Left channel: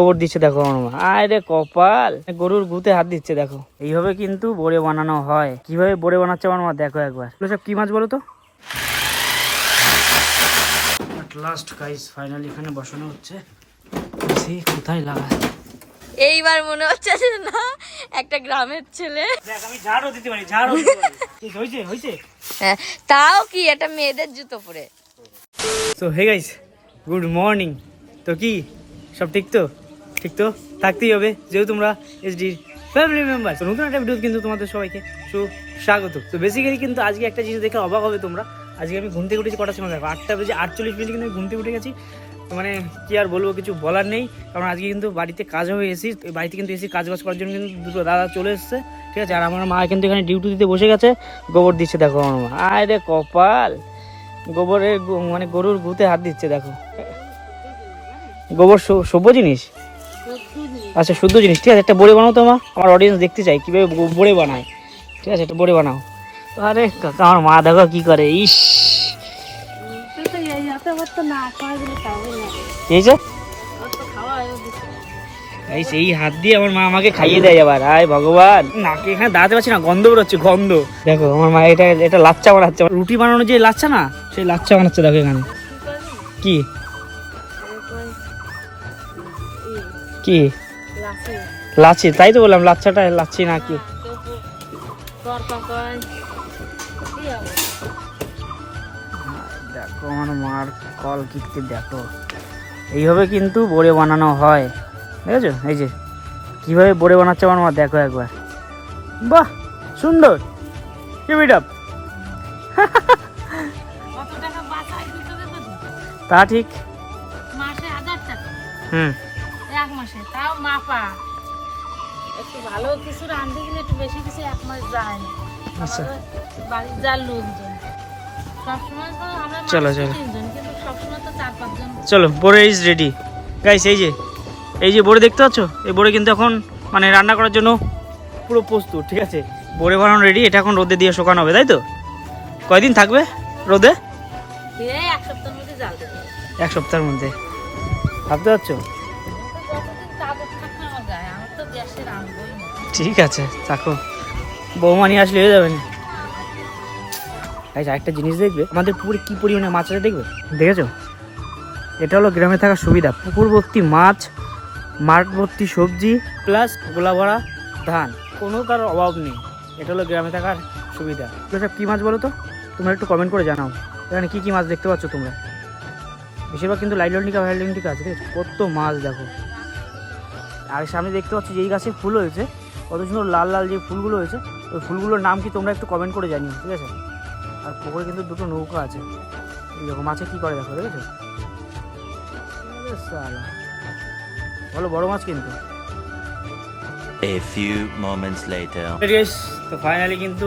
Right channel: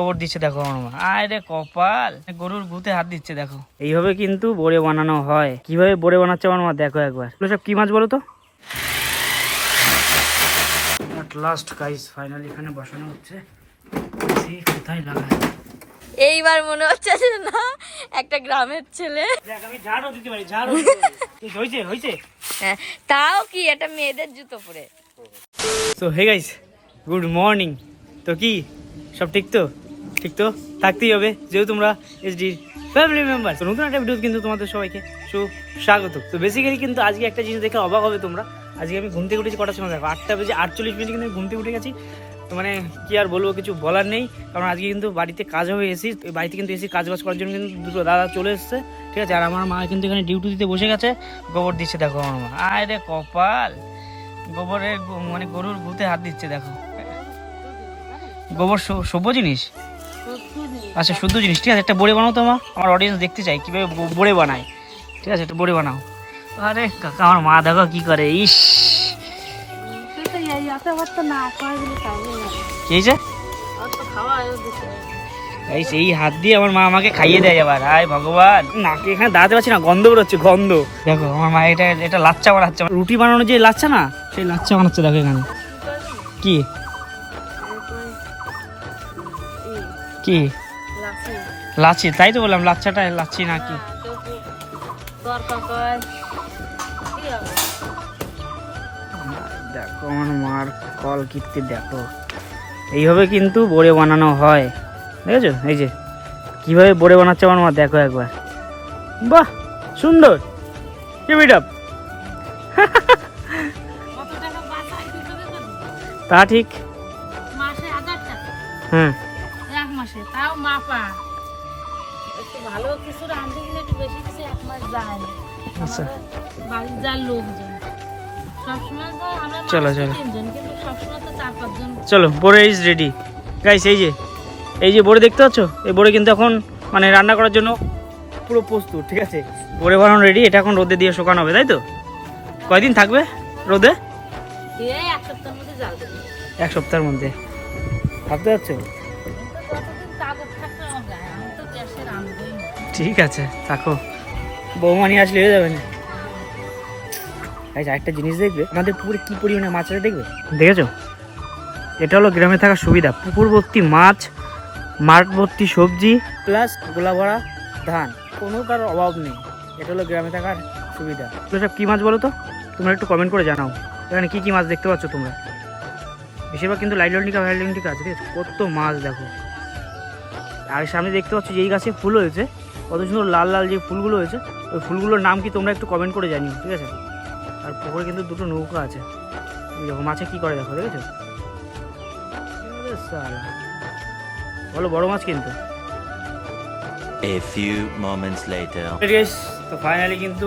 গোবর দিচ্ছে দেখো আমার মা আরে কপাল। গরুর গুতে হাত দিচ্ছে দেখো। এইভাবে কিন্তু বড়ে বানানো হয়। কীভাবে বড়ে বানাচ্ছে আমার মা দেখো একবার। সব কি মাছ বলো তো? লাস্ট গাইস ফাইনালি এখানে বসানো হচ্ছে। দেখি কোথায় লাগায়? এইবার মনে হচ্ছে যে না একটা গ্রামের ছেলে। দেখ আমি ঝাড়ও দিতে পারি ঝাড়ও হয়েছে হয়েছে হ্যাঁ, তাও কি একটা মেয়েদের জুতো পরে। So hey guys good morning তো কি সব ঠিক তো? ঠিক তো? থাকতেই হবে, যেহেতু তোমরা এসডি ফ্যামিলি মেম্বার তো নতুন একটা ভিডিও কিন্তু তোমাদের সবাইকে সুস্বাগত। তো বেসিক্যালি কিন্তু আজকে একটা জিনিস দেখে অবাক হবে তোমরা। আজকে আমি ঘুম থেকে উঠেছি কটার সময় দেখো? আটটা বেজে আটচল্লিশ মিনিট কিন্তু আমি ঘুম থেকে উঠে গেছি। তো মানে কী আর বলব, কিছু বলার নেই। কারণ আজকে কিন্তু বাড়িতে কাজ হয়ে এসি বাড়িতে কিন্তু এসি কাজ বাজ করার জন্য কিন্তু দুটো দাদা চলে এসছে। ঠিক আছে? আর আমার মা কিন্তু এখানে ডিউটি দিতে বসে গেছে। গোবর দিচ্ছে দেখো আমার মা। আরে কপাল! গোবরের মানে গরুর গুতে হাত দিচ্ছে দেখো। গোবর সভ্য জিনিস? আচ্ছা শুদ্ধ জিনিস, ঠিক আছে? একটা বড়ে বানাও তো মা। আমার অডিয়েন্স দেখতে চাই কীভাবে বড়ে বানায়। ঠিক আছে, একটা বড়ে বানাও। আরে, কাকা, আমার মা দেখো কী করে, ইস। কি হয়েছে এই সেই হাত দিয়ে আমার মা আমাকে খাইয়ে দেয় আবার আয় ভগবান। নাকে এখানে দাঁড়াতে পারছি না, গন্ধ বেরোচ্ছে, গন্ধ। দেখো, আমার মা এটা এটা লাচ্চা বানাচ্ছে। রুটি বানানো যে লাচ্চা না, সেই লাচ্চা বানাচ্ছে, দেখো এখানে। কি? কি? লাচ্ছি তাই তো বললাম লাচ্চাটা লাচ্ছি নাকি? দেখো আমার মার কল কীর্তি দেখো। এইভাবে কিন্তু বড়ে বানানো হয়। দেখেছ? এই যে কীভাবে বড়ে বানাচ্ছে আমার মা দেখো একবার। বাহ সুন্দর। কিপ আপ তা। ঠিক। মাসে হাজার টাকা। হুম। এক মাসে তাও মাপা। একটু ভালো কিছু রাঁধতে গেলে একটু বেশি কিছু এক মাস যায় না। আচ্ছা। বাড়ির যার লোকজন চলো, চলো। চলো বড়ে ইজ রেডি গাইস এই যে এই যে বড়ে দেখতে পাচ্ছ? এই বড়ে কিন্তু এখন মানে রান্না করার জন্য পুরো প্রস্তুত ঠিক আছে? বড়ে বানানো রেডি এটা এখন রোদে দিয়ে শুকানো হবে তাই তো? কয়দিন থাকবে রোদে? এক সপ্তাহের মধ্যে এক সপ্তাহের মধ্যে। ভাবতে পারছ? ঠিক আছে থাকো। বৌমা নিয়ে আসলে হয়ে যাবে না। আচ্ছা একটা জিনিস দেখবে আমাদের পুকুরে কি পরিমাণে মাছ আছে দেখবে? দেখেছ? এটা হলো গ্রামে থাকার সুবিধা। পুকুর ভর্তি মাছ মাঠ ভর্তি সবজি। প্লাস গোলা ভরা ধান। কোনো তার অভাব নেই। এটা হলো গ্রামে থাকার সুবিধা। সব কী মাছ বলো তো? তোমরা একটু কমেন্ট করে জানাও। এখানে কী কী মাছ দেখতে পাচ্ছ তোমরা? বেশিরভাগ কিন্তু লাইলন্টিকা ফাইলন্টিকা আছে ঠিক আছে? কত মাছ দেখো। আর সামনে দেখতে পাচ্ছ যে এই গাছে ফুল হয়েছে। কত সুন্দর লাল লাল যে ফুলগুলো হয়েছে ওই ফুলগুলোর নাম কি তোমরা একটু কমেন্ট করে জানিও ঠিক আছে? আর পুকুরে কিন্তু দুটো নৌকা আছে। এই দেখো মাছে কি করে দেখো দেখেছ? সালা। বলো বড় মাছ কিন্তু। A few moments later. তো ফাইনালি কিন্তু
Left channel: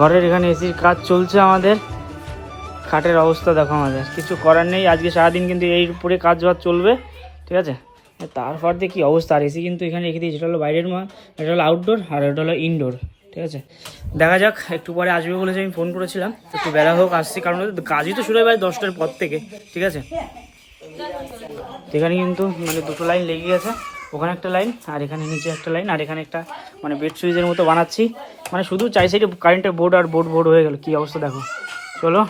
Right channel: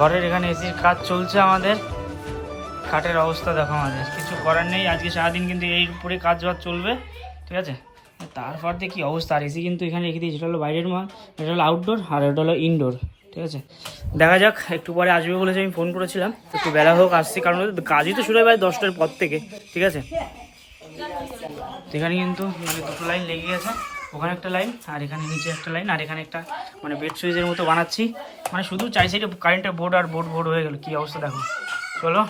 ঘরের এখানে এসির কাজ চলছে আমাদের। খাটের অবস্থা দেখো আমাদের। কিছু করার নেই আজকে সারাদিন কিন্তু এই উপরে কাজ বাজ চলবে ঠিক আছে? তারপর কী অবস্থা, আর এসি কিন্তু এখানে রেখে দিয়েছি। এটা হলো বাইরের মাল, এটা হলো আউটডোর আর এটা হলো ইনডোর ঠিক আছে? দেখা যাক, একটু পরে আসবে বলেছে, আমি ফোন করেছিলাম। একটু বেলা হোক, আসছি, কারণ কাজই তো শুরু হয় দশটার পর থেকে, ঠিক আছে? এখানে কিন্তু দুটো লাইন লেগে গেছে ওখানে একটা লাইন আর এখানে নিচে একটা লাইন আর এখানে একটা মানে বেড সুইচের মতো বানাচ্ছি। মানে শুধু চাই সাইডে কারেন্টের বোর্ড আর বোর্ড বোর্ড হয়ে গেল, কী অবস্থা দেখো? চলো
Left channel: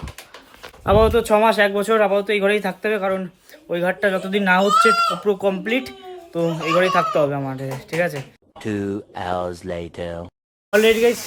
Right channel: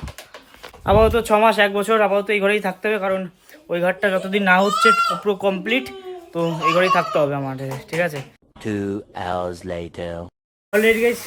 আপাতত ছ মাস এক বছর আপাতত এই ঘরেই থাকতে হবে কারণ ওই ঘরটা যতদিন না হচ্ছে পুরো কমপ্লিট তো এই ঘরেই থাকতে হবে আমাদের ঠিক আছে. অলরেডি গাইস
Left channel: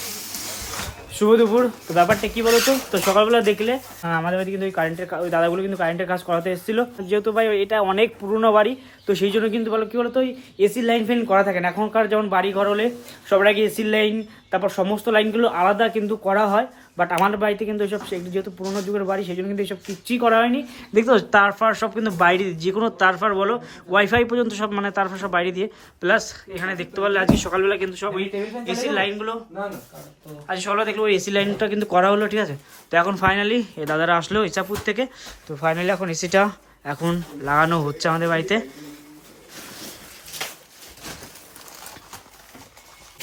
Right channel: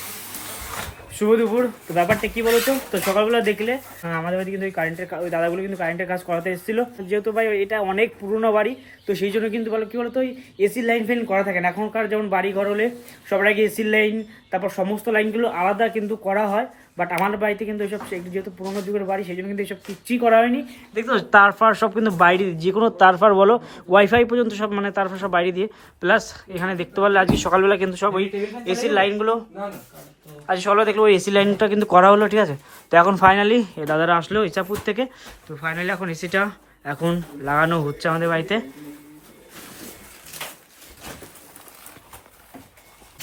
শুভ দুপুর। তো ব্যাপারটা কি বলতো? তো সকালবেলা দেখলে আমাদের বাড়ি কিন্তু ওই কারেন্টের ওই দাদাগুলো কিন্তু কারেন্টের কাজ করাতে এসেছিল। যেহেতু ভাই এটা অনেক পুরনো বাড়ি তো সেই জন্য কিন্তু বলো কি বলতো ওই এসির লাইন ফেন করা থাকে না। এখনকার যেমন বাড়ি ঘর হলে সবার আগে এসির লাইন তারপর সমস্ত লাইনগুলো আলাদা কিন্তু করা হয়। বাট আমার বাড়িতে কিন্তু এইসব সে- যেহেতু পুরোনো যুগের বাড়ি সেই জন্য কিন্তু এইসব কিচ্ছুই করা হয়নি। দেখতে পাচ্ছ তারফার সব কিন্তু বাইরে যে কোনো তারফার বলো ওয়াইফাই পর্যন্ত সব মানে তারফার সব বাইরে দিয়ে। প্লাস এখানে দেখতে পারলে আজকে সকালবেলা কিন্তু সব ওই এসির লাইনগুলো আজ সকালবেলা দেখল ওই এসি লাইনটা কিন্তু করা হলো ঠিক আছে? তো এখন ফাইনালি এই দাদারা আসলো ইচ্ছাপুর থেকে। তো ফাইনালি এখন এসিটা এখন লাগানো হচ্ছে আমাদের বাড়িতে।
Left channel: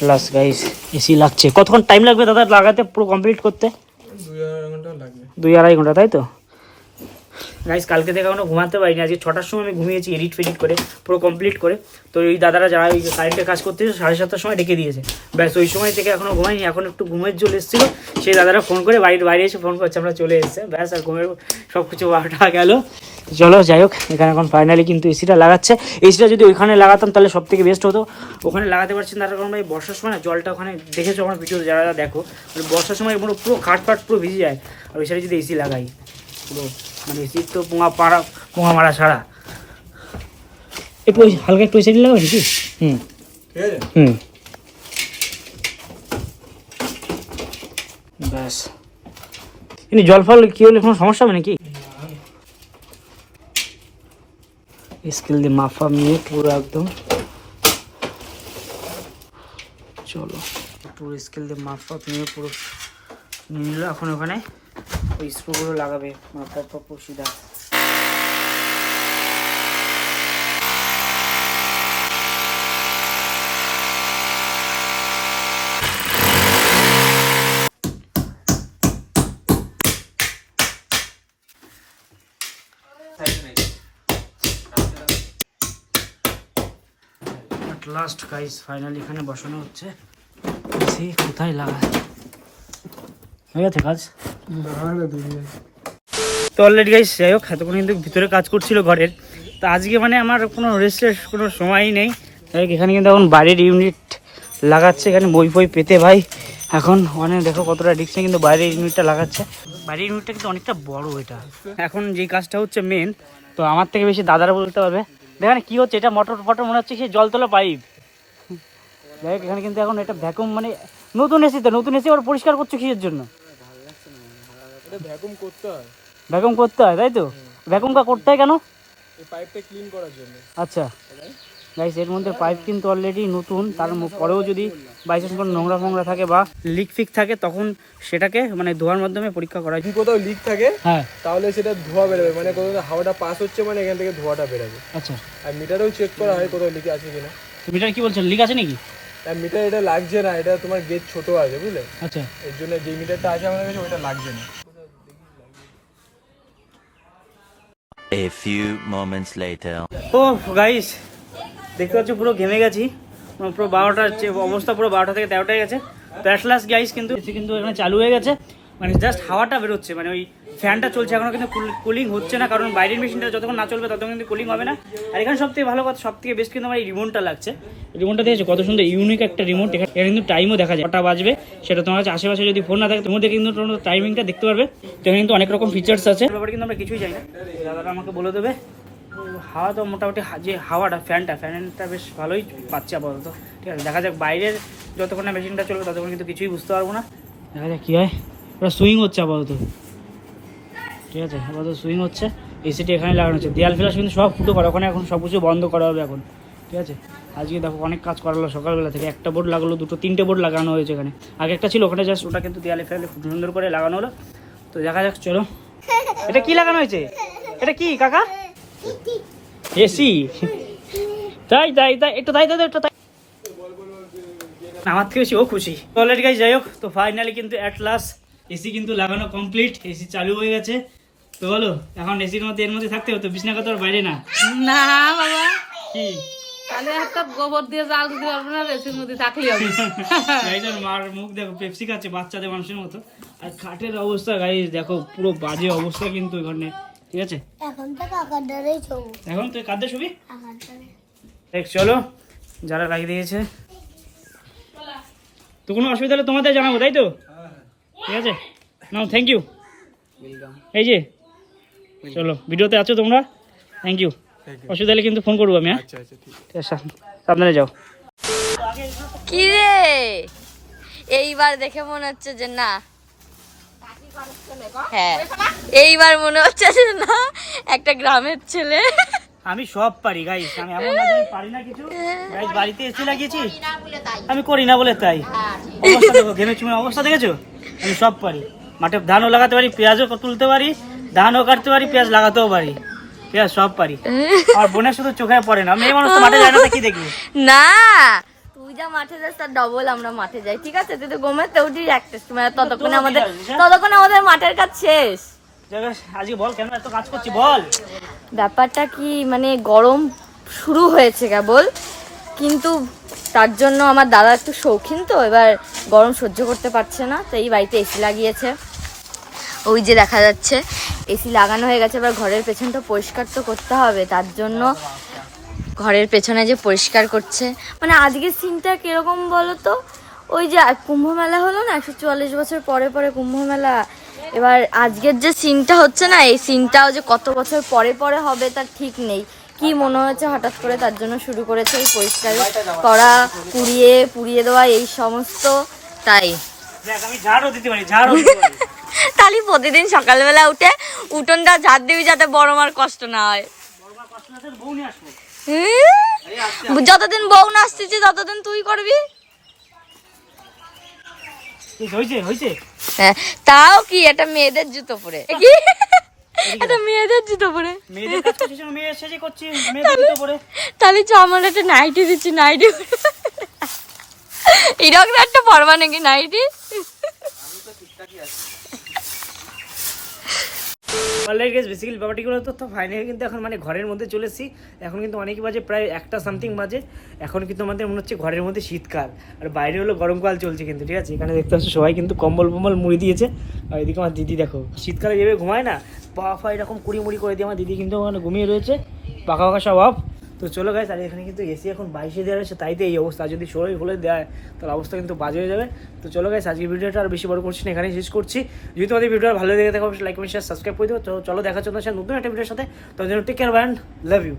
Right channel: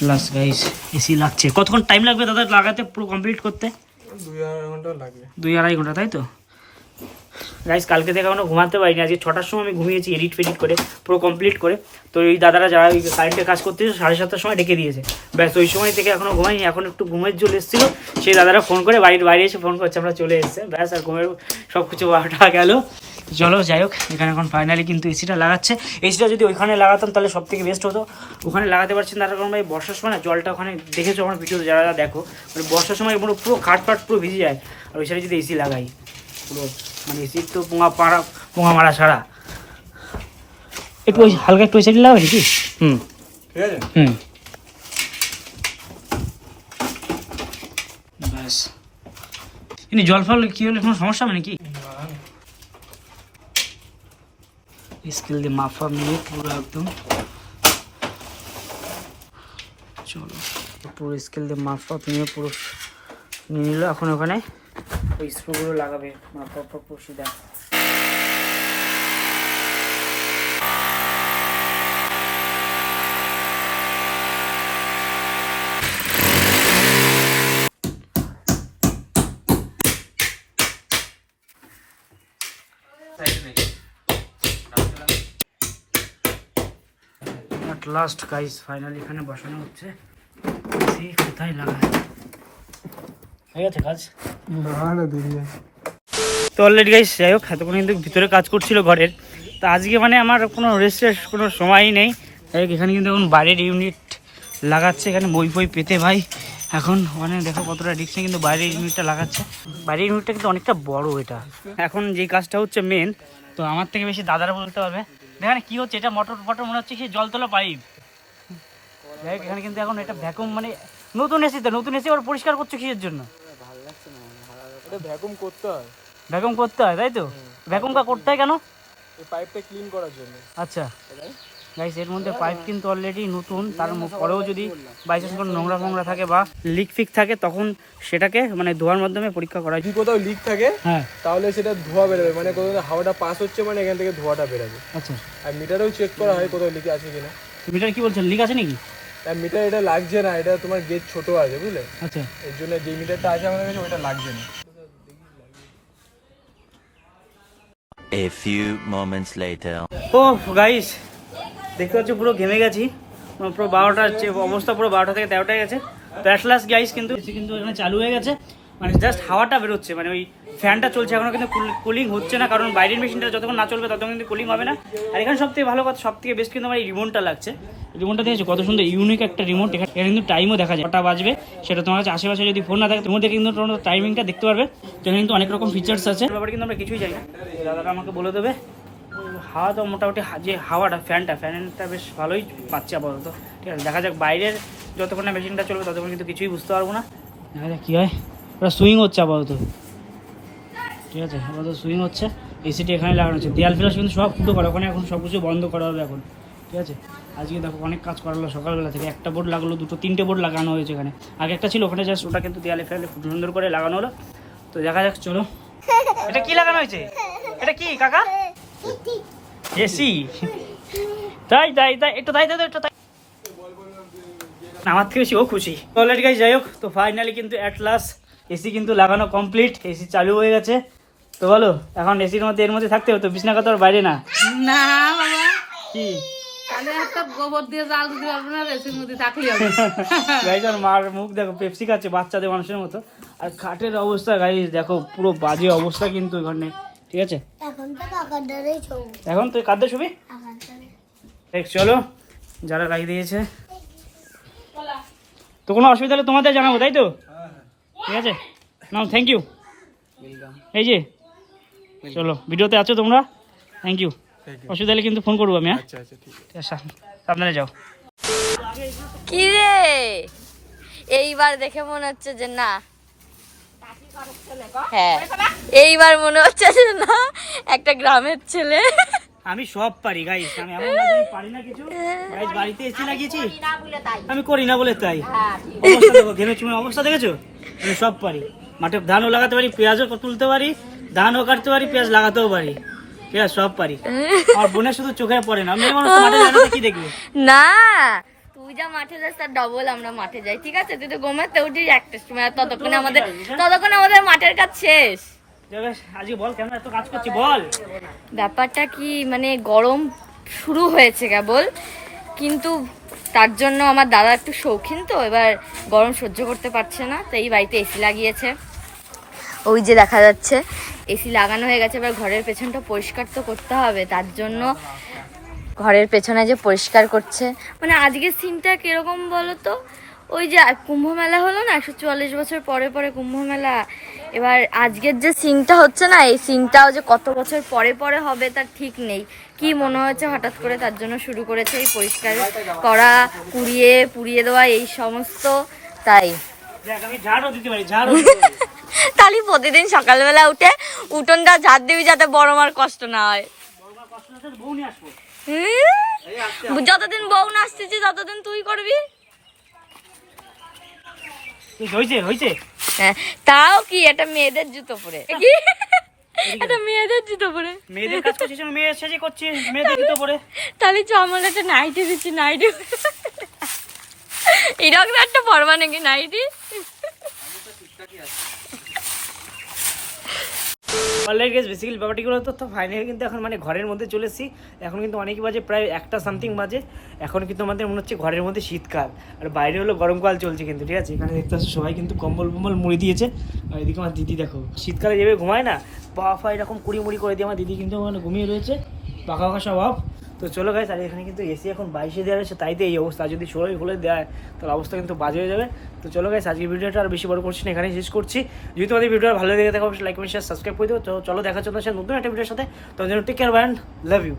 প্লাস গাইস এসি লাগছে। কতক্ষণ টাইম লাগবে দাদা লাগাতে পুরো কমপ্লিট করতে? দুই আড়াই ঘণ্টা লাগবে। দুই আড়াই ঘণ্টা তাই তো? গাইস কালকে থেকে এখনও ঘুমাতে পারিনি। আজকে ছটার সময় আমি ঘুমিয়েছি এডিট ফেডিট করে, পুরো কমপ্লিট করে। তো এই দাদারা যারা ওই কারেন্টের কাজ করতে সাড়ে সাতটার সময় ডেকে দিয়েছে। ব্যাস, ওই সময় থেকে এখনও ঘুমাইনি, এখন একটু ঘুমের জল এসেছিল। সেই দাদারা ফোন করে, বাড়ির বাইরে এসে ফোন করছে, আমরা চলে এসেছে। ব্যাস, আর ঘুমের সব কিছু বারোটা গেল। চলো, যাই হোক, এখানে এখন ফাইনালি কিন্তু এসিটা লাগাচ্ছে। এসিটা যদি ওইখানে লাগাতাম, তাহলে সব থেকে বেস্ট হতো। ওখানে লাগাতে পারছেন তার কারণ ভাই, বর্ষার সময় না, জলটা ওখানে দেখেছ আমার ভিডিওতে যারা দেখো মানে বর্ষার সময় পুরো পুরো খাট পুরো ভিজে যায়। আর ওই সাইডে যদি এসি লাগাই, পুরো মানে এসির তো পোঙা পাড়া পোঙা মারা ছাড়া। একটু ওই হালকা একটু ওই সাইডে লাগাবে নাকি? হুম। ঠিক আছে। হুম। ব্যাস। এমনি জল ফল কি হলে কোনো সমস্যা হবে নাকি? স্কেল দিয়ে মাফা নিয়ে পুরো একদম। চলো। পুরো স্কেল দিয়ে মাফা নিয়ে পুরো নিয়ে নিল এখন ওখানে। ওই স্ক্রুগুলো লাগাবে। মাফা পুরো সিধা। লাস্ট গাইস ফাইনালি এখানে বসানো হচ্ছে। কোথায় লাগায় হয়ে গেছে কাজ তো অলরেডি গাইস যাই হোক এতক্ষণ কিন্তু ভিতরে কাজ করছিল ঘরের। তো আজকে মানে আমার কোনো রেস্টের কোনো সময়ই নেই। হোক এখানে কিন্তু এখন বাড়ির ইউনিট লাগাচ্ছে এখানে বই ফই পেতে ভাই। এখন অনেক দেখো কতটা ডিক্সে কিন্তু বাইরের ইউনিটটা লাগাচ্ছে। বাইরের ইউনিটটা কিন্তু অনেকটা বড় এটা। এখন যেই কাজটা হচ্ছে মেন তো আমার থেকে বেশি দাদারা বলতে পারবে দেখেন কি হচ্ছে এটা মোটর ফটর মনে হচ্ছে সেই জল তোলা পাইপ দেখ এখানে কিন্তু এখন এটা ভ্যাকুম মানে নতুন এসি তো নতুন এসি আবার পরিষ্কার করছ কিসের জন্য? এটা ভ্যাকুম করতে হয়। ভ্যাকুম করতে হয় তাই তো? ভ্যাকুম করতে হয় কেন? এই পাইপটা ক্লিন করার জন্য। আচ্ছা। গাইস এর মধ্যে পাইপ কিন্তু অলরেডি নতুন তার পরেও যদি বাইচান্স কোনো নোংরা ফোংরা থাকে বা লিক ফিক থাকে তখন সেটাকে মানে ধোয়ার মাধ্যমে পরীক্ষা করা হয় যদি কোথাও লিক থাকে হ্যাঁ। তাহলে সেটা ধোয়া বেরোবে। মানে কোথাও হাওয়াটা পাস হচ্ছে মানে এখান থেকে ধোয়াটা বেরোবে। আচ্ছা। আর মিটারেও চেক করা হয় কোথাও লিক আছে কিনা। মিটার কি বলছেন? লিক আছে নাকি? আর মিটার এটা লাগছে না এটা তোমার গেট ছোট আছে বুঝলে? আচ্ছা। এর জন্য যে মিটারটা আছে আমাদের কাছে ওটা লাগছে না। A few moments later. Oh guys দেখতে পাচ্ছ পুরো ঘেমে গেছি। পুরো বারোটার যে অবস্থা পুরো বারোটা থেকে তেরোটায় গেছে। তো অ্যাটলাস গাইস কিন্তু কিন্তু এখানে চালু হয়ে গেছে। মানে জাস্ট হাওয়াটা বেরোচ্ছে মানে ওই ফ্যানটা চলছে, এখনও কিন্তু কুলিং হচ্ছে না, কারণ বাইরের মেশিনটা যতক্ষণ না চলবে, ততক্ষণ কিন্তু কুলিং হবে না। আর এখানে সব থেকে ভালো কথা সব থেকে বেস্ট কিন্তু আমার এই রিমোটটা লাগছে। রিমোটটা দেখেছ? কত সুন্দর ইউনিক একটা রিমোট এখানে এখানে কিন্তু টাইমও দেখা যায়। কটা বাজবে সেটা তোমার কাছে আশেপাশে যদি ফোন না থাকে তোমার কিন্তু তোমরা টাইমিংটা দেখতে পারবে। তো এখানে কিন্তু অনেক রকম ফিচার্স আছে। ব্যাপারে কিন্তু আমরা কিছুই জানি না। দাদারা আমাকে বলে দেবে। হাওয়া তো মোটামুটি যে হাওয়াটা ফ্যানটা ফ্যানটা বেশ ভালোই পাচ্ছে আপাতত। ঠিক আছে দেখা যাক বাইরের যতক্ষণ না মেশিনটা চলবে ততক্ষণ কিন্তু কিছুই বুঝতে পারব না। দেখা যাক কী হয়। ওটা সুইং হচ্ছে আপাতত। ঠিক আছে আপাতত সুইং হচ্ছে। এসিটি এখানে লাগানো হচ্ছে। দেয়াল ফেলাস কিন্তু সব ফুটো করা। ওখানে এখন সব কিছু বন্ধ করা হবে এখন। ঠিক আছে? আজকে দেখো অনেক কাজ করালো সকালবেলা থেকে। একটা বোর্ড লাগল দুটো তিনটে বোর্ড লাগানো হয়েছে এখানে। আগে একটা ছিল ওখানে জাস্ট ওটা কিন্তু দেয়ালে ফেলে খুব সুন্দর করে লাগানো হলো। তো দেখা যাক চলো। এটা কি লাগানো হয়েছে? এটা কি কাকা? এসি তাই তাই তাই একটু তাই তাই একটু তাই। আমার থেকে বেশি ও খুশি। অলরেডি গাইজ যাই হোক তো ফাইনালি কিন্তু অ্যাট লাস্ট এসি কিন্তু লাগানো কমপ্লিট এসি চালু হয়ে গেছে। তো বলো এখন এসির মধ্যে এর মধ্যে থাকতে হতো বিছনা কথা আর বাইরে না? না বাবা। কি? তাহলে একটা গোবর দিয়ে জাল দিতে পারব না রেসির মধ্যে থাকলে হবে। গাইজ মার মুখ দেখো পেপসি খাচ্ছে বাচ্চাদের মানুষের মতো। আর খাটের অবস্থা গাইজ দেখো পুরো বাজে অবস্থা কিন্তু এখানে ঠিক আছে? এখন তো কাকার দ্বারাই ছবি। এখন তুই কাঁদতে ছবি? দেখ চলো যারা লাগিয়ে দিয়েছে। তো কোনো অসুবিধা হলে তোমাদের জানাব তাই তো? ঠিক আছে? নাও থ্যাংক ইউ এই যে চলো ভিডিওতে আছো তোমরা? থ্যাংক ইউ অসুবিধা হলে কিন্তু ফোন করব আমি হ্যাঁ? আচ্ছা আচ্ছা ঠিক আছে। সাবধানে যাও। কি রে? এইবার দেখে মনে হচ্ছে যে না। হ্যাঁ এইবার মনে হচ্ছে যে না একটা গ্রামের ছেলে। আমি সব পারি গাইস আমি এমন না পারি না কিছু। গাইস বাড়িতে এসি লাগিয়েছি আমি করি না বলে তাই। অবস্থা দেখো ঘেমে চুমে অবস্থা দেখেছ? আমি সব পারি। মাঠে ধানও লাগাতে পারি পেঁয়াজও তুলতে পারি ধানও কাটতে পারি পেঁয়াজ লাগাতেও পারি। পেঁয়াজ সব পারি। আর বোনের শুধু চোখে পড়ে না। মেয়ে মানুষ তো মাঠে যায় না কি দেখবে? না তুই যা মাঠে যাস তার ডবল আমরা মাঠে যাই ঠিক আছে? তুই তো ঘুমাতে উঠি একটা সময় ততক্ষণে আমাদের ততক্ষণে আমাদের মাঠের কাজ শেষ। আজকে বল কেন এত কাজ করছি বল। ব্যাপারটা কি মানে গরম শুরু হয়েছে কেবল কিন্তু তার জন্য আমার দাদা একটু শৌখিন তো এবার গরম সহ্য করতে পারছে না তো এই বাড়িতে এসি লাগিয়েছে। ওই যে দেখা যাচ্ছে এসি লাগানো হয়ে গেছে এবার ঘরের পেছনটা পরিষ্কার তো করতে হবে তার জন্য ঘরের পেছনে যে পরিষ্কার করছে। মানে আজকের সিনটা কীরকম বলো তো ওই যে কুম্ভ মেলা হলো না একশো চুয়াল্লিশ বছর পরে পরে কুম্ভ মেলা। এবার আজকের যে সিনটা হচ্ছে না এই সিনটাও যে কত বছর পরে পরে হবে তার ঠিক নেই। কি মনে হয়েছে হঠাৎ করে তার জন্য শুরু করেছে এই পরিষ্কার করা কুড়িয়ে পুড়িয়ে দেওয়া এই সমস্ত তাই। দেখ প্রতিদিন সকালবেলা উঠে উঠোনটা ঝাড় দিবি যাতে বড় মার কষ্ট না হয়। না? যতদিন বউ নাচতেছি ততদিন তুই করবি? হ্যাঁ, তাও কি এটা মেয়েদের জুতো পরে। এটা মেয়েদের জুতো পরে। মেয়েদের কাজ করছিস না, মেয়ে সেজে মেয়েদের জুতো পরে। তাহলে চ আমার একটা নাইটি দিচ্ছি নাইটি। এরকম একটা পরবা নাকি নাইটি? অলরেডি গেস বেসিক্যালি ব্যাপারটি হলো তো ফাইনালি কিন্তু এখন মানে ঘরের মধ্যে চলে এসেছি। এখন কিন্তু অনেক বাজে, প্রায় একটা সামথিং বাজে। এখন কিন্তু আমাদের মনে হচ্ছে ঘরের মধ্যে শীতকাল। আর বাইরে হলো গরমকাল চলছে কিন্তু, ঠিক আছে? এখানে দেখতে পাচ্ছ সবাই কিন্তু কম্বল ফম্বল মুড়ি দিয়েছে। আর এদিকে আমার দিদি দেখো, শীতকালে যেভাবে ঘুমায় না পা ফা এরকম কুড়ি মুড়ি করে দিয়ে আমার দিদি কিন্তু ওখানে ঘুমিয়ে রয়েছে। পাখা পাখা সব অফ তো চলো গাইস আর এখানে কিন্তু এসি এখন বাইশে দেওয়া রয়েছে তাইতে এই অবস্থা। যদি ষোলোই হলে দেয়, তাহলে অবস্থা কিন্তু বাজে হয়ে যাবে। তো চলো গাইস আজকে ভিডিওটা আর বেশি বড় করছি না এখানে শেষ করছি। যদি তোমাদের ভিডিওটা ভালো লেগে থাকে, অবশ্যই লাইক কমেন্ট শেয়ার সাবস্ক্রাইব করে দেবো তো চলো দেখা জন্য নতুন একটা ভিডিওর সাথে। তো take care bye and love you